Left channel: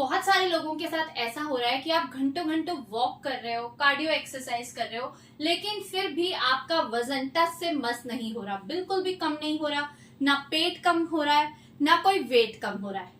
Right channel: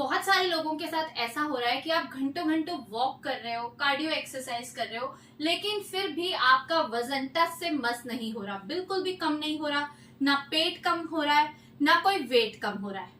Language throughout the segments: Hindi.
बहुत सारे लोगों के साथ ऐसा हो रहा है कि आप घंटों घंटों वॉक कर रहे हो, कार्डियो एक्सरसाइज कर रहे हो, लेकिन फिर भी आपका वजन टस से मस नहीं हो रहा, बिल्कुल भी कम नहीं हो रहा, ना पेट कम हो रहा है, ना कोई वेट कम हो रहा है।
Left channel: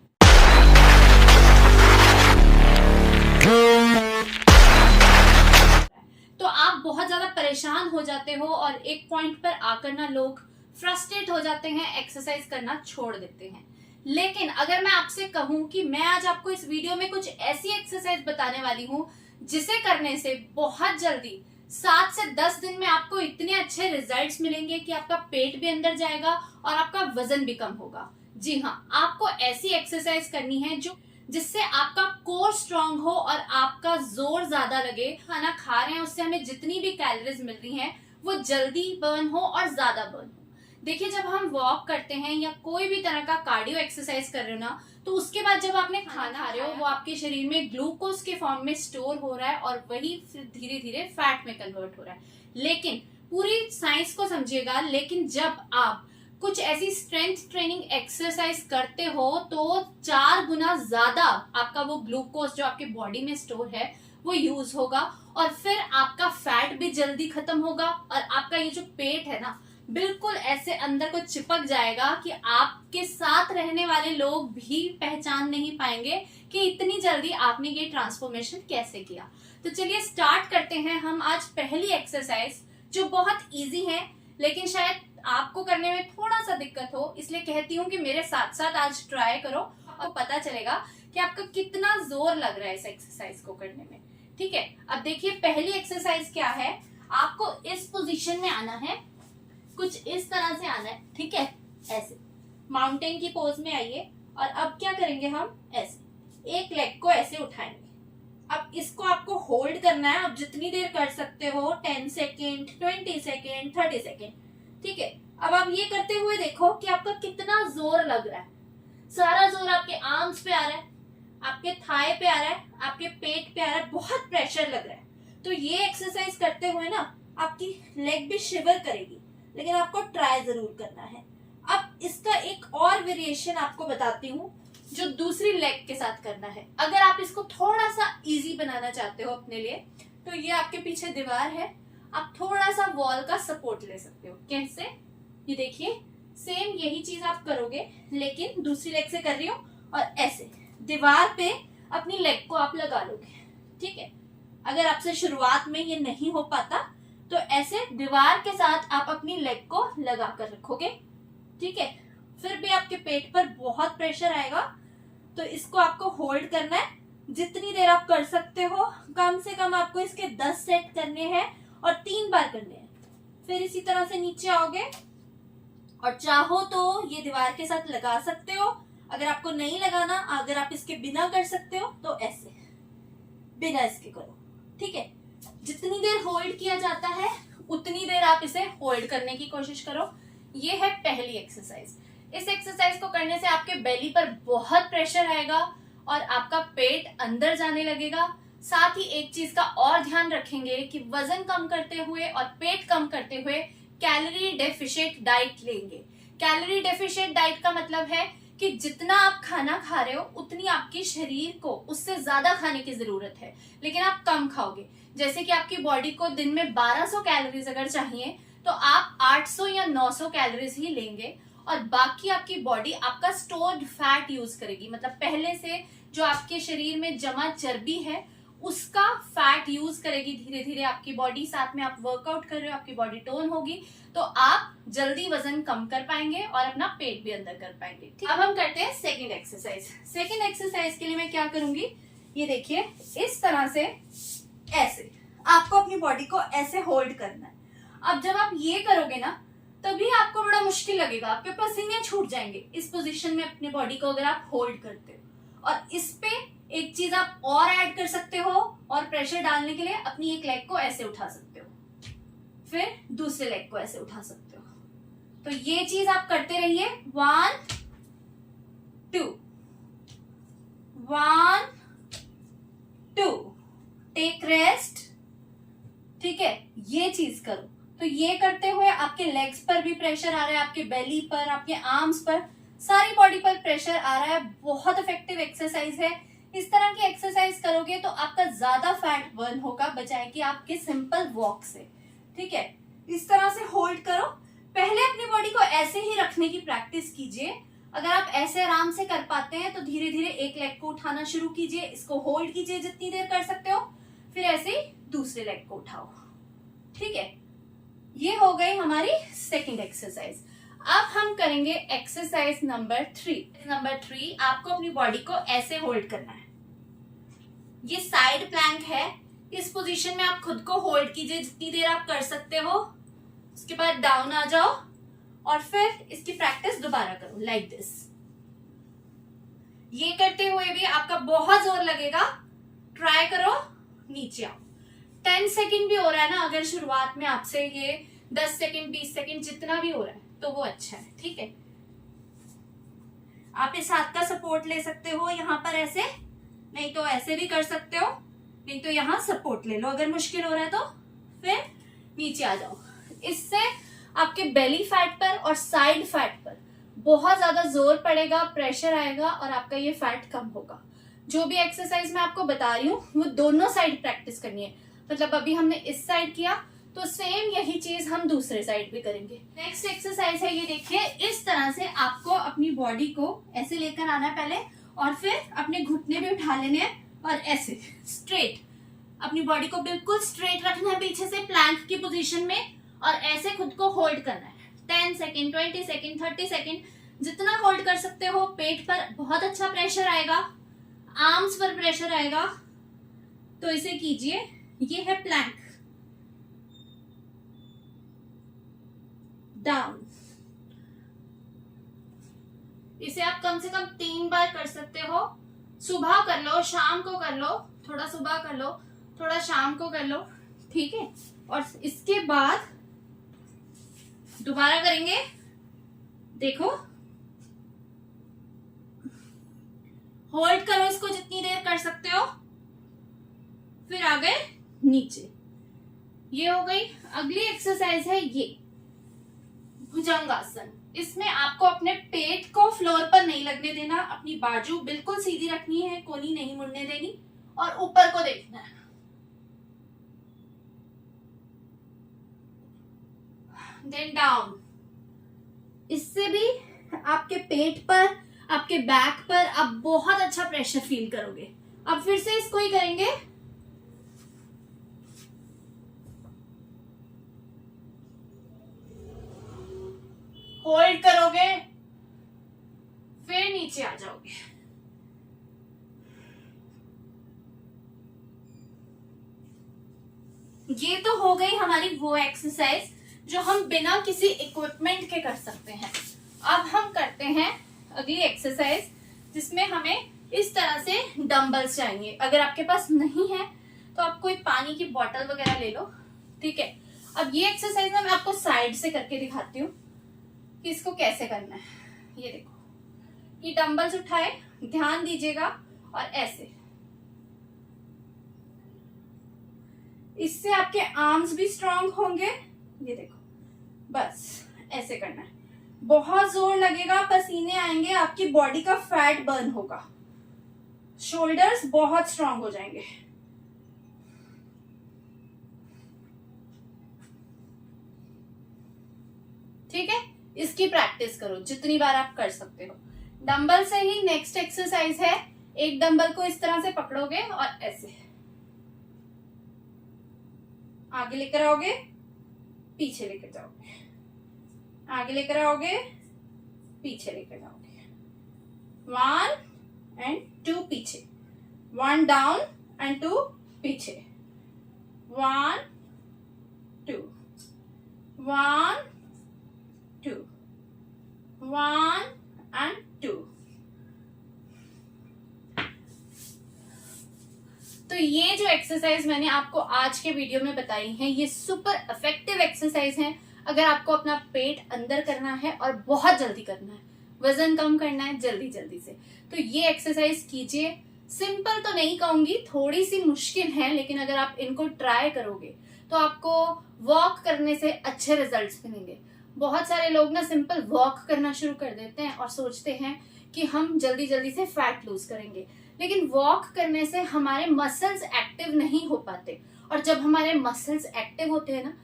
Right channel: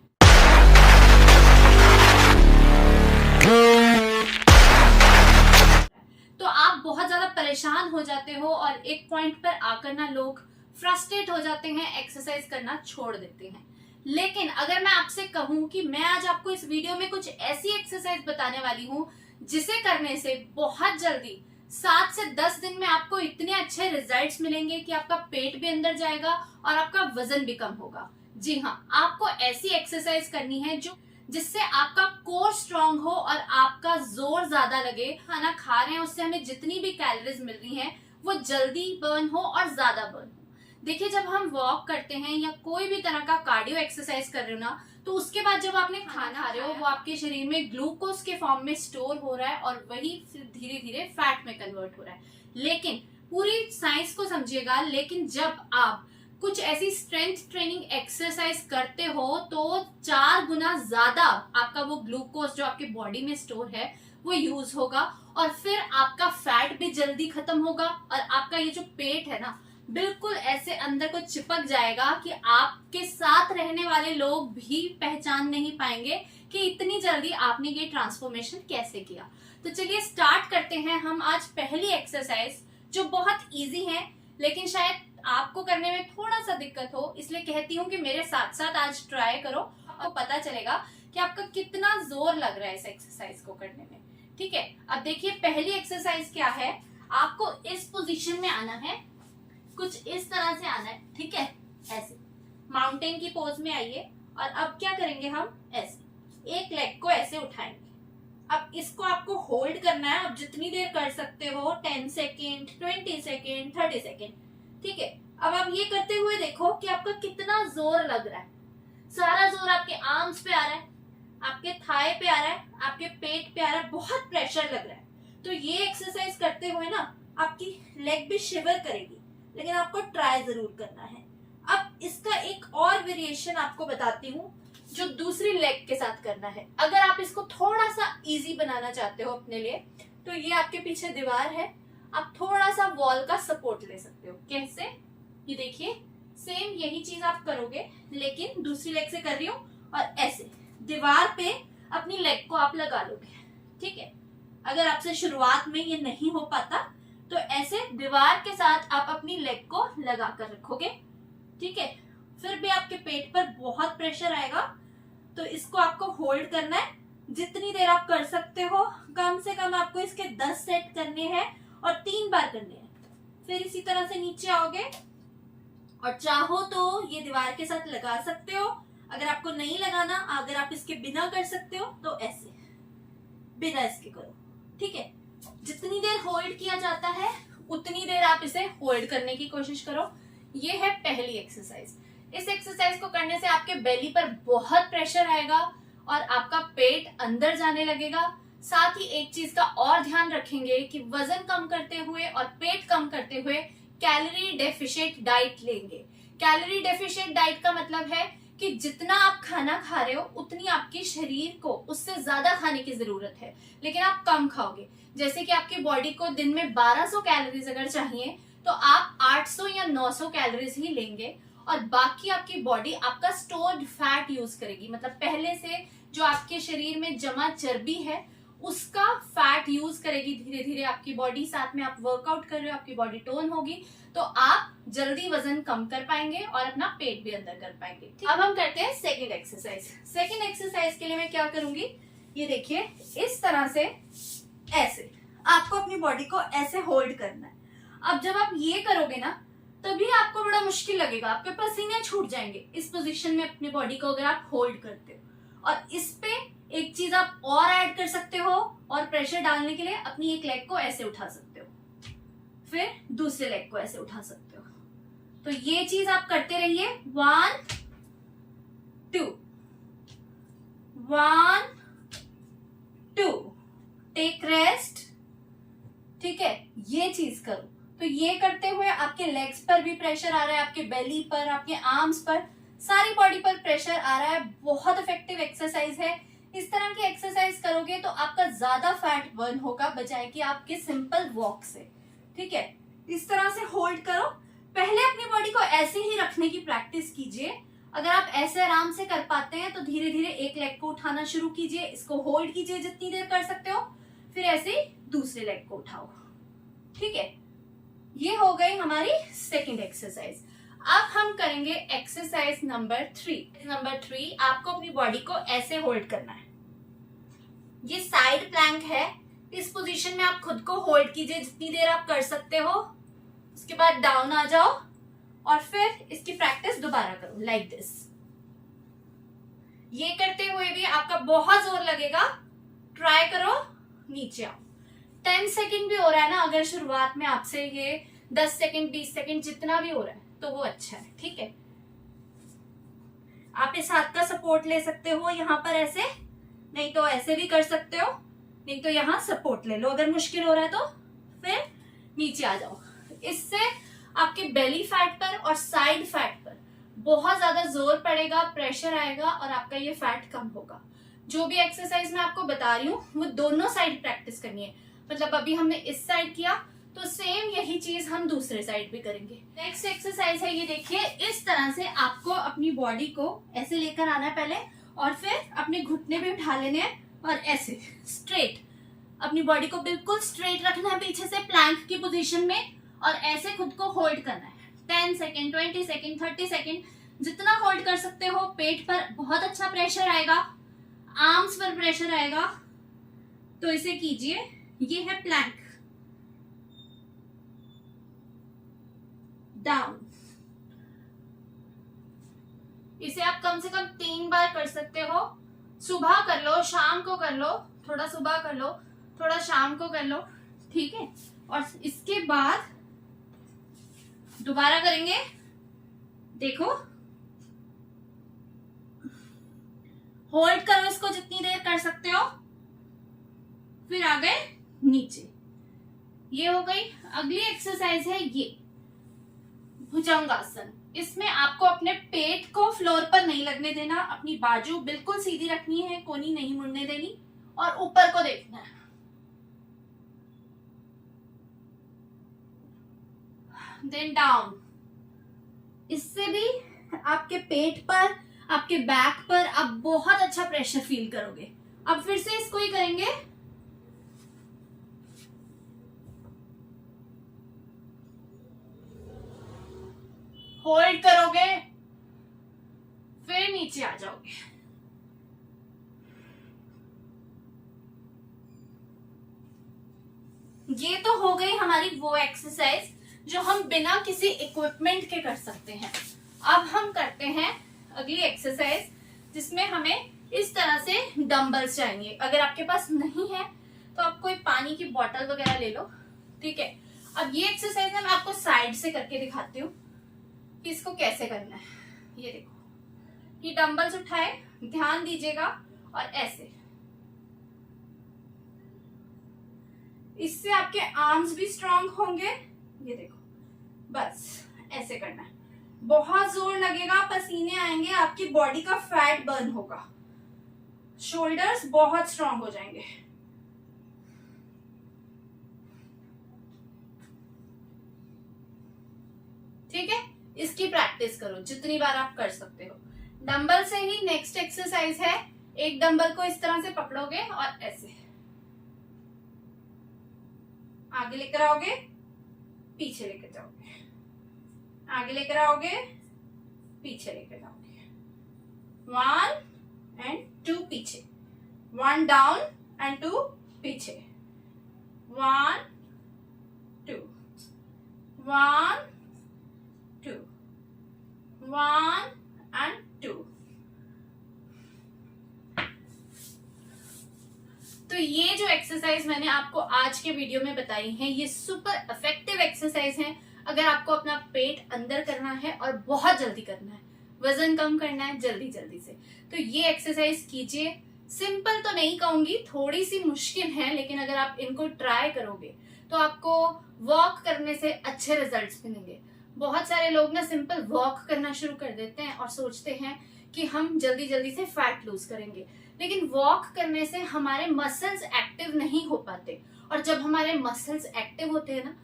तो आप बहुत ज्यादा परेशान हो जाते हो और एक पॉइंट पर आकर ना लोग फ्रस्ट्रेट हो जाते हैं, एक्सरसाइज करना छोड़ देते हैं। लेकिन अगर मैं आपसे कहूं कि मैं आज आपको इस वीडियो में कुछ ऐसी एक्सरसाइज बताने वाली हूं जिसे करने से बहुत जल्दी 7 से 10 दिन में आपको इतने अच्छे रिजल्ट्स मिलेंगे कि आपका पेट भी अंदर जाएगा और आपका वजन भी कम होगा। जी हाँ, आपको ऐसी एक्सरसाइज करनी है जिससे आपका कोर स्ट्रांग हो और आपका जोर ज्यादा लगे। खाना खा रहे हैं उससे हमें जितनी भी कैलोरीज मिल रही हैं वो जल्दी बर्न हो और ज्यादा बर्न हो। देखिए, जब हम वॉक करते हैं या कोई भी तरह का कार्डियो एक्सरसाइज कर रहे हो ना, तो उसके बाद जब आपने खाना खा रहे हो वो आपके शरीर में ग्लूकोज के फॉर्म में स्टोर हो रहा है और वही फिर धीरे धीरे फैट में कन्वर्ट हो रहा है। लेकिन पूरी साइंस को समझिएगा, लेकिन जब आप कुछ ऐसी स्ट्रेंथ ट्रेनिंग एक्सरसाइज करते हो तो 4 गुना ज्यादा आपका वो ग्लूकोज जो आपके बॉडी में स्टोर है वो यूज होगा और फिर आपका फैट भी जल्दी खत्म होगा और आपका ये जो पेट है ना, बिल्कुल ऐसे अंदर को चिपक जाएगा कि आपके साथ रहने वाले लोग भी पहचान नहीं पाएंगे कि इतनी जल्दी आपने ये ट्रांसफॉर्मेशन कैसे किया। तो चलिए स्टार्ट करते हैं हम आज पहली एक्सरसाइज, जो बहुत इजी है लेकिन शायद आपको करने में थोड़ा सा दिक्कत हो, इसलिए कहती हूँ कि मेरे साथ साथ आज ट्राई करो और पता चलेगा कि आपका कितना जोर लग रहा है इस एक्सरसाइज को करने में। ठीक है, अब देखिए पहली एक्सरसाइज क्या है। आपको इस पोजीशन में आना है, कुछ इस तरह से आना है। ठीक है, ऐसे माउंटेन की पोज में आइए और अब क्या करेंगे, हम ऐसे एक लेग को ऐसे उठाएंगे। अब इसको आपको होल्ड करना है, अब जितनी देर कर सकते हो, 10 सेकेंड, 20 सेकेंड, 30 सेकेंड। ठीक है, अब आप ये करते हुए देखो कि आपका कितना जोर लग रहा है। सारा जोर आपके आर्म्स पे आ रहा है, आपके थाई पे आ रहा है, आपके पेट पे आ रहा है, बहुत प्रेशर लग रहा है। तो ये एक्सरसाइज करते हुए ना आपकी लेग भी शिवर करेगी, लेकिन आपको ट्राई जरूर करना है। अब इसका एक और वेरिएशन आपको बताती हूँ जो दूसरी लेग के साथ करना है। अगर आप इसको थोड़ा सा इजी बनाना चाहते हो अपने लिए, तो ये आपके पीछे दीवार है, आप थोड़ा सा वॉल का सपोर्ट ले सकते हो। कैसे, ये देखिए सेम यही चीज आप करोगे लेकिन दूसरी लेग से कर रही हूँ और ऐसे दीवार पे अपनी लेग को आप लगा लोगे। ठीक है, अगर आपसे शुरुआत में ये नहीं हो पाता तो ऐसे दीवार के साथ आप अपनी लेग को लगा कर रखोगे। ठीक है, फिर भी आपके पेट पर बहुत प्रेशर आएगा, तो इसको आपको होल्ड करना है जितनी देर आप कर सकते हो। कम से कम आपको इसके 10 सेट करने हैं और 3 बार करने हैं। फिर इसी तरह से नीचे आओगे और चाहो तो ये दीवार के साथ लगा सकते हो। अगर आपको नहीं लगाना, अगर आप इसके बिना कर सकते हो तो ऐसे बिना इसके करो। ठीक है, जितनी देर होल्ड किया जाता है उतनी देर आप इसे होल्ड करने की कोशिश करो। ये है पहली एक्सरसाइज। इस एक्सरसाइज को करने से आपके बेली पर बहुत प्रेशर आएगा और आपका पेट अंदर जाने लगेगा। साथ ही एक चीज का और ध्यान रखेंगे कि वजन कम करते हुए और पेट कम करते हुए कैलोरी डेफिशिएंट डाइट लेंगे। कैलोरी डेफिशिएंट डाइट का मतलब है कि जितना आप खाना खा रहे हो उतनी आपके शरीर को उससे ज्यादा खाने की जरूरत है, लेकिन आप कम खाओगे। जैसे कि आपकी बॉडी को दिन में 1200 कैलोरीज अगर चाहिए तो आप 800 या 900 कैलोरीज ही लेंगे और बाकी आपकी बॉडी आपका स्टोर्ड फैट यूज करेगी। मतलब पहले से जो आपके शरीर में जमा चर्बी है उसका फैट यूज करेगी धीरे धीरे आपकी बॉडी। साथ में आप वर्कआउट कर रहे हो, आपकी बॉडी टोन होगी, तो आप जल्दी वजन कम कर पाएंगे और अपना पेट भी अंदर कर पाएंगे। अब हम करते हैं सेकंड एक्सरसाइज। सेकंड एक्सरसाइज के लिए मैं क्या करूंगी, ये देखिए इस तरह से ऐसे आपको अपनी बॉडी को ऐसे होल्ड करना है। अब जब आप ये करोगे ना तभी आपको बड़ा मुश्किल लगेगा, आपके पसीने छूट जाएंगे इस पोजीशन में अपने बॉडी को अगर आप होल्ड करते हो। और इस पे एक चीज आप और ऐड कर सकते हो और प्रेशर डालने के लिए अपनी एक लेग को ऐसे उठा सकते हो, फिर दूसरे लेग को ऐसे उठा सकते हो। तो ये चीज आप करते रहिए। 1 2 1 2, टेक रेस्ट। ठीक है, ये चीज करो। तो ये करते हुए आपके लेग्स पर भी प्रेशर आ रहा है, आपके बेली पर, आपके आर्म्स पर, सारी बॉडी पर प्रेशर आ रहा है। बहुत इफेक्टिव एक्सरसाइज है। इस तरह की एक्सरसाइज करोगे तो आपका ज्यादा फैट बर्न होगा बजाय कि आपके सिंपल वॉक से। ठीक है, इस तरह से होल्ड करो। पहले अपनी बॉडी को ऐसे ही रखने की प्रैक्टिस कीजिए। अगर आप ऐसे आराम से कर पाते हैं तो धीरे धीरे एक लेग को उठाना शुरू कीजिए, इसको होल्ड कीजिए जितनी देर कर सकते हो, फिर ऐसे ही दूसरे लेग को उठाओ। ठीक है, ये हो गई हमारी सेकंड एक्सरसाइज। अब हम करेंगे एक्सरसाइज नंबर 3। नंबर 3, आपको अपनी बॉडी को ऐसे होल्ड करना है। ये साइड प्लैंक है। इस पोजीशन में आप खुद को होल्ड कीजिए जितनी देर आप कर सकते हो। उसके बाद डाउन आ जाओ और फिर इसकी प्रैक्टिस दोबारा करो लाइक दिस। ये करते हुए भी आपका बहुत जोर लगेगा। ट्राई करो, नीचे आओ। 10 सेकंड भी हो रहा है ना, अगर शुरुआत में आपसे ये 10 सेकंड 20 सेकंड जितना भी हो रहा है तो वो अच्छा है। ठीक है, आप इस हाथ का सपोर्ट ले सकते हो यहाँ पर ऐसे, नहीं तो ऐसे भी कर सकते हो, नहीं तो यहाँ सपोर्ट ले लो। अगर मुश्किल हो रहा है तो फिर नीचे आ जाओ। इससे आपके बेली फैट पर और साइड फैट पर बहुत ज्यादा जोर पड़ेगा, प्रेशर आएगा और आपका ये फैट कम होगा। जो भी एक्सरसाइज मैं आपको बता रही हूँ वो दोनों साइड प्रैक्टिस करनी है। मतलब अभी हमने इस साइड किया तो सेम यही चीज हम दूसरे साइड भी करेंगे। नेक्स्ट एक्सरसाइज है, ये देखिए, इस तरह से आपको अपनी बॉडी को ऐसे लेकर आना है पहले और फिर अपने घुटने भी उठा लेने हैं और ऐसे स्ट्रेट अपनी बॉडी को बिल्कुल स्ट्रेट रखना है पीछे से प्लैंक की पोजीशन में और ऐसे खुद को होल्ड करना है। 10 सेकेंड 20 सेकेंड 30 सेकेंड जितना होल्ड कर सकते हो। पेट पर बहुत अच्छा प्रेशर आएगा, आर्म्स पर प्रेशर आएगा, तो इसे कीजिए। ये है प्लैंक, डाउन। इसे आप कम से कम 3 बार कर सकते हो। सुबह कर लो, शाम को कर लो, थोड़ा सुबह कर लो, थोड़ा शाम को कर लो। ठीक है, और इसके बाद दोबारा करेंगे। देखो, होल्ड करो इसको जितनी देर कर सकते हो, फिर आ गए नीचे। ये हो गई। अगली एक्सरसाइज है ये भुजंगासन। इसमें आपको अपने पेट को फ्लोर पर नहीं लगने देना, अपनी बाजू बिल्कुल सीधी रखनी है, कोनी नहीं मुड़ने देनी और ऊपर को देखना है। Then down. इससे भी आपके पेट पर, आपके बैक पर आप बहुत अच्छा प्रेशर फील करोगे। अब फिर से इसको ही करेंगे। होल्ड करोगे, फिर नीचे आ जाओगे। ये तो हो गई हमारी वो एक्सरसाइज जो हम बिना किसी इक्विपमेंट के कर सकते हैं। अब हम करते हैं अगली एक्सरसाइज जिसमें हमें इस तरह से डंबल्स चाहिए। अगर आपके पास नहीं है तो आप कोई पानी की बोतल वगैरह ले लो। ठीक है, अब ये एक्सरसाइज ना मैं आपको साइड से करके दिखाती हूँ कि इसको कैसे करना है। ये देखो, ये डंबल्स उठाए, ध्यान दीजिएगा और ऐसे। इससे आपके आर्म्स भी स्ट्रांग होंगे। ये देखो, बस ऐसे करना है। बहुत जोर लगेगा, पसीने आएंगे, आपकी बॉडी का फैट बर्न होगा, शोल्डर्स बहुत स्ट्रांग हो जाएंगे। ठीक है, इसकी प्रैक्टिस करो जितनी बार आप कर सकते हो। डंबल से ही नेक्स्ट एक्सरसाइज है। एक डंबल को इस तरह से पकड़ोगे और ऐसे आगे लेकर आओगे, पीछे लेकर जाओगे, आगे लेकर आओगे, पीछे लेकर जाओगे। 1 and 2 पीछे, 1 डाउन and 2 पीछे, 1 2 1 2 1 and 2। तो ये जो एक्सरसाइज मैंने आपको आज के वीडियो में बताई है, ये सुपर इफेक्टिव एक्सरसाइज है। अगर आपको अपना पेट अंदर करना है और बहुत जल्दी करना है, वजन कम करना है जल्दी जल्दी से, तो ये एक्सरसाइज कीजिए। सिंपल तो नहीं कहूंगी, थोड़ी सी मुश्किल है, लेकिन अगर आप इनको ट्राई करोगे तो आपको वॉक करने से अच्छे रिजल्ट्स मिलेंगे। बहुत सारे लोग ना सिंपल वॉक करना शुरू कर देते हैं और सोचते हैं कि हम जल्दी जल्दी से फैट लूज करेंगे, लेकिन वॉक करने से हमारे मसल्स एक्टिव नहीं हो पाते, और जब हमारे मसल्स एक्टिव होते हैं ना,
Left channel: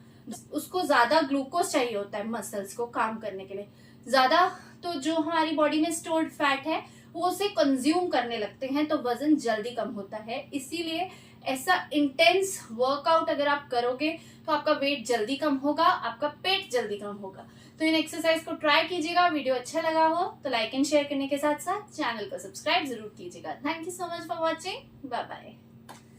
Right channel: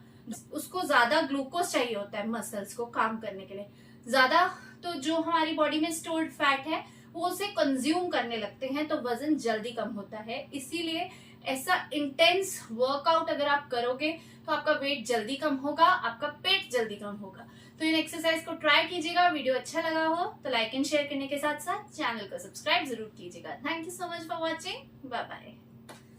उसको ज्यादा ग्लूकोज चाहिए होता है मसल्स को काम करने के लिए ज्यादा, तो जो हमारी बॉडी में स्टोर्ड फैट है वो उसे कंज्यूम करने लगते हैं, तो वजन जल्दी कम होता है। इसीलिए ऐसा इंटेंस वर्कआउट अगर आप करोगे तो आपका वेट जल्दी कम होगा, आपका पेट जल्दी कम होगा। तो इन एक्सरसाइज को ट्राई कीजिएगा। वीडियो अच्छा लगा हो तो लाइक एंड शेयर करने के साथ साथ चैनल को सब्सक्राइब जरूर कीजिएगा। Thank you so much for watching. Bye bye.